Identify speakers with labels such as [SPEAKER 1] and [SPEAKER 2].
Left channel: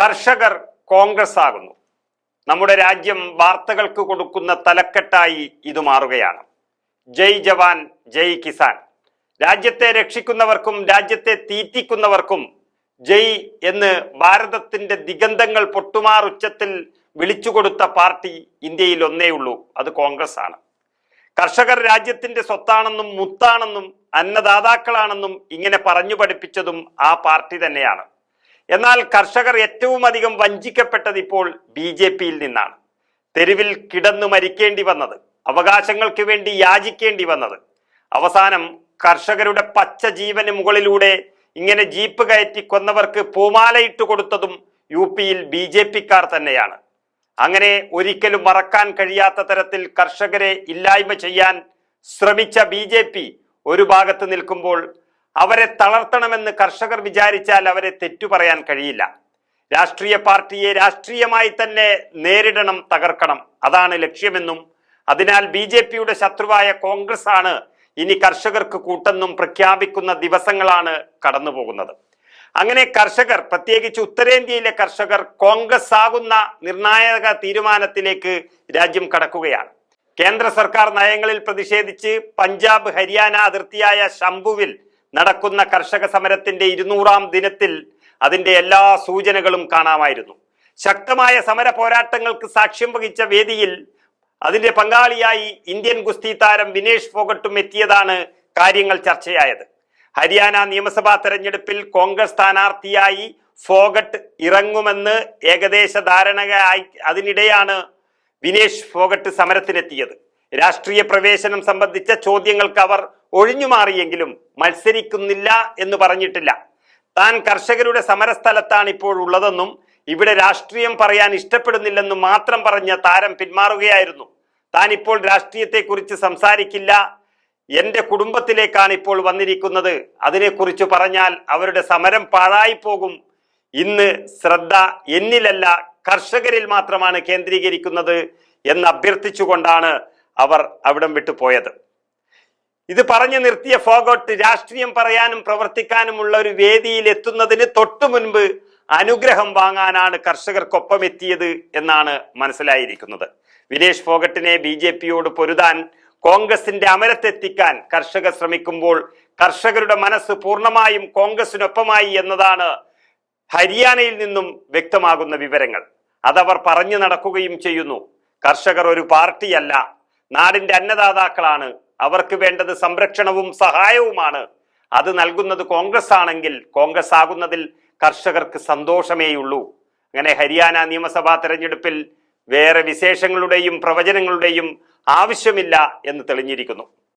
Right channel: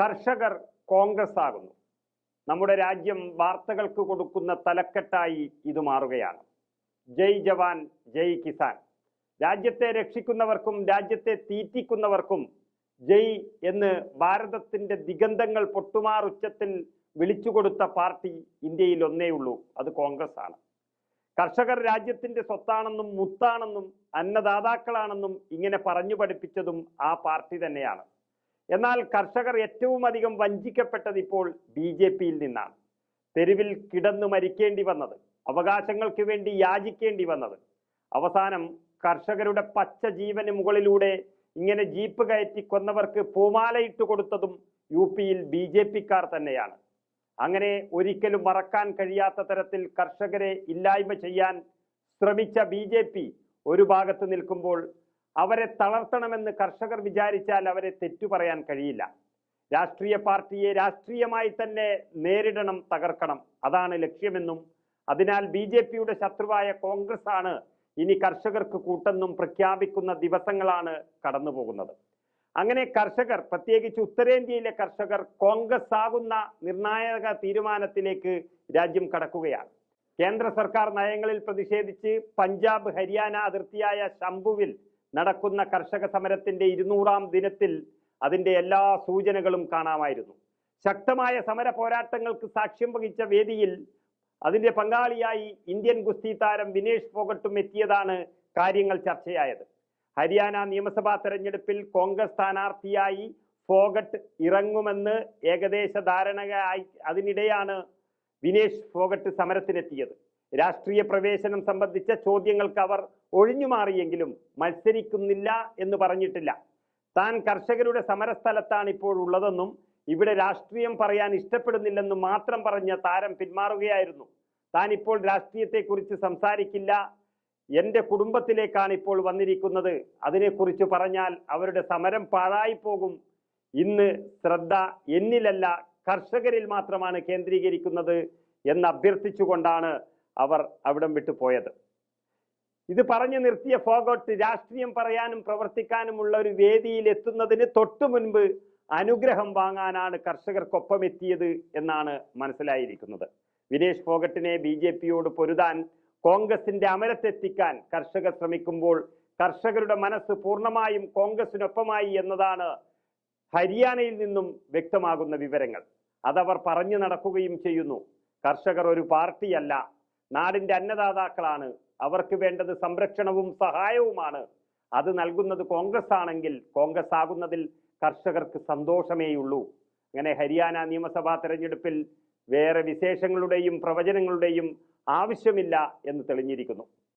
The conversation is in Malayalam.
[SPEAKER 1] കർഷകർ കോൺഗ്രസ് ആകുന്നു. നമ്മുടെ രാജ്യം വാർത്തകൾക്ക് കൊടുക്കുന്ന തലക്കെട്ടായി ഇത് മാറുകയാണ്. ജയ് ജവാൻ ജയ് കിസാൻ. രാജ്യത്തെ രക്ഷിക്കുന്നവർക്കും രാജ്യത്തെ തീറ്റിക്കുന്നവർക്കും ജയ് എന്ന് ഭാരതത്തിന്റെ ദിഗന്ധങ്ങൾ പൊട്ടുമാർ ഉച്ചത്തിൽ വിളിച്ചുകൊടുത്ത പാർട്ടി ഇന്ത്യയിൽ ഒന്നേ ഉള്ളൂ. അത് കോൺഗ്രസ് ആണ്. കർഷകർ രാജ്യത്തിന്റെ സ്വത്താണെന്നും മുത്താണെന്നും അന്നദാതാക്കളാണെന്നും ഇങ്ങനെ പറഞ്ഞു പഠിപ്പിച്ചതും ആ പാർട്ടി തന്നെയാണ്. എന്നാൽ കർഷകർ ഏറ്റവും അധികം വഞ്ചിക്കപ്പെട്ടത് ഇപ്പോൾ ബി ജെ പിയിൽ നിന്നാണ്. തെരുവിൽ കിടന്നു മരിക്കേണ്ടി വന്നത് അവകാശങ്ങൾക്ക് വേണ്ടി യാചിക്കേണ്ടി വന്നത്. അവസാനം കർഷകരുടെ പച്ച ജീവന് മുകളിലൂടെ ഇങ്ങനെ ജീപ്പ് കയറ്റി കൊന്നവർക്ക് പൂമാലയിട്ട് കൊടുത്തതും യു പിയിൽ ബി ജെ പിക്കാർ തന്നെയാണ്. അങ്ങനെ ഒരിക്കലും മറക്കാൻ കഴിയാത്ത തരത്തിൽ കർഷകരെ ഇല്ലായ്മ ചെയ്യാൻ ശ്രമിച്ച ബി ഒരു ഭാഗത്ത് നിൽക്കുമ്പോൾ അവരെ തളർത്തണമെന്ന് കർഷകർ വിചാരിച്ചാൽ അവരെ തെറ്റു പറയാൻ കഴിയില്ല. രാഷ്ട്രീയ പാർട്ടിയെ രാഷ്ട്രീയമായി തന്നെ നേരിടണം തകർക്കണം. അതാണ് ലക്ഷ്യമെന്നും അതിനാൽ ബി ജെ പിയുടെ ശത്രുവായ കോൺഗ്രസ് ആണ് ഇനി കർഷകർക്ക് കൂട്ടെന്നും പ്രഖ്യാപിക്കുന്ന ദിവസങ്ങളാണ് കടന്നുപോകുന്നത്. അങ്ങനെ കർഷകർ പ്രത്യേകിച്ച് ഉത്തരേന്ത്യയിലെ കർഷകർ കോൺഗ്രസ് ആകുന്ന നിർണായക തീരുമാനത്തിലേക്ക് രാജ്യം കടക്കുകയാണ്. കേന്ദ്ര സർക്കാർ നയങ്ങളിൽ പ്രതിഷേധിച്ച് പഞ്ചാബ് ഹരിയാന അതിർത്തിയായ ശംഭുവിൽ നടക്കുന്ന കർഷക സമരത്തിന്റെ ഇരുന്നൂറാം ദിനത്തിൽ അതിന്റെ എല്ലാ സൂചനകളും കാണാമായിരുന്നു. ശക്തമായ സമര പോരാട്ടങ്ങൾക്ക് സാക്ഷ്യം വഹിച്ച വേദിയിൽ അതിന്റെ പങ്കാളിയായി ഇന്ത്യൻ ഗുസ്തി താരം വിനേഷ് ഫോഗട്ടും എത്തിയതാണ് കാര്യങ്ങൾ ചർച്ചയായത്. ഹരിയാന നിയമസഭാ തെരഞ്ഞെടുപ്പിൽ കോൺഗ്രസ് സ്ഥാനാർത്ഥിയായി ഫോഗട്ട് ഇറങ്ങുമെന്ന് ഏകദേശ ധാരണയായി അതിനിടെയാണ് വിനേഷ് ഫോഗട്ട് സമരത്തിനെത്തിയത്. രാഷ്ട്രീയ പ്രവേശനം സംബന്ധിച്ച ചോദ്യങ്ങൾക്ക് അവർ ഒഴിഞ്ഞുമാറിയെങ്കിലും മത്സരിക്കുന്നില്ല എന്ന് പറഞ്ഞിട്ടില്ല. താൻ കർഷകരുടെ സമരസ്ഥലത്താണ് ഇപ്പോൾ ഉള്ളതെന്നും ഇവിടെ രാഷ്ട്രീയം പറയാൻ ഇഷ്ടപ്പെടുന്നില്ലെന്നും മാത്രം പറഞ്ഞ താരം പിന്മാറുകയായിരുന്നു. താൻ ഇപ്പോൾ രാഷ്ട്രീയത്തെക്കുറിച്ച് സംസാരിക്കില്ല. എന്റെ കുടുംബത്തിലേക്കാണ് ഇപ്പോൾ വന്നിരിക്കുന്നത്. അതിനെക്കുറിച്ച് പറഞ്ഞാൽ അവരുടെ സമരം പാഴായി പോകും ഇന്ന് ശ്രദ്ധ എന്നിലല്ല കർഷകരിൽ മാത്രമാണ് കേന്ദ്രീകരിക്കുന്നത് എന്ന് അഭ്യർത്ഥിച്ചുകൊണ്ടാണ് അവർ അവിടം വിട്ടു പോയത്. ഇത് പറഞ്ഞു നിർത്തിയ ഫോഗോട്ട് രാഷ്ട്രീയം പറയാനും പ്രവർത്തിക്കാനുമുള്ള ഒരു വേദിയിൽ എത്തുന്നതിന് തൊട്ടു മുൻപ് അനുഗ്രഹം വാങ്ങാനാണ് കർഷകർക്കൊപ്പം എത്തിയത് എന്നാണ് മനസ്സിലായിരിക്കുന്നത്. വിനേഷ് ഫോഗട്ടിനെ ബി ജെ പിയോട് പൊരുതാൻ കോൺഗ്രസിന്റെ അമരത്തെത്തിക്കാൻ കർഷകർ ശ്രമിക്കുമ്പോൾ കർഷകരുടെ മനസ്സ് പൂർണമായും കോൺഗ്രസിനൊപ്പമായി എന്നതാണ് ഹരിയാനയിൽ നിന്നും വ്യക്തമാകുന്ന വിവരങ്ങൾ. അതവർ പറഞ്ഞു നടക്കുകയും ചെയ്യുന്നു. കർഷകർ ഒരു പാർട്ടിയല്ല നാടിന്റെ അന്നദാതാക്കളാണ്. അവർക്ക് വേണ്ടത് സംരക്ഷണവും സഹായവുമാണ്. അത് നൽകുന്നത് കോൺഗ്രസ് ആണെങ്കിൽ കോൺഗ്രസ് ആകുന്നതിൽ കർഷകർക്ക് സന്തോഷമേയുള്ളൂ. അങ്ങനെ ഹരിയാന നിയമസഭാ തെരഞ്ഞെടുപ്പിൽ വേറെ വിശേഷങ്ങളുടെയും പ്രവചനങ്ങളുടെയും ആവശ്യമില്ല എന്ന് തെളിഞ്ഞിരിക്കുന്നു.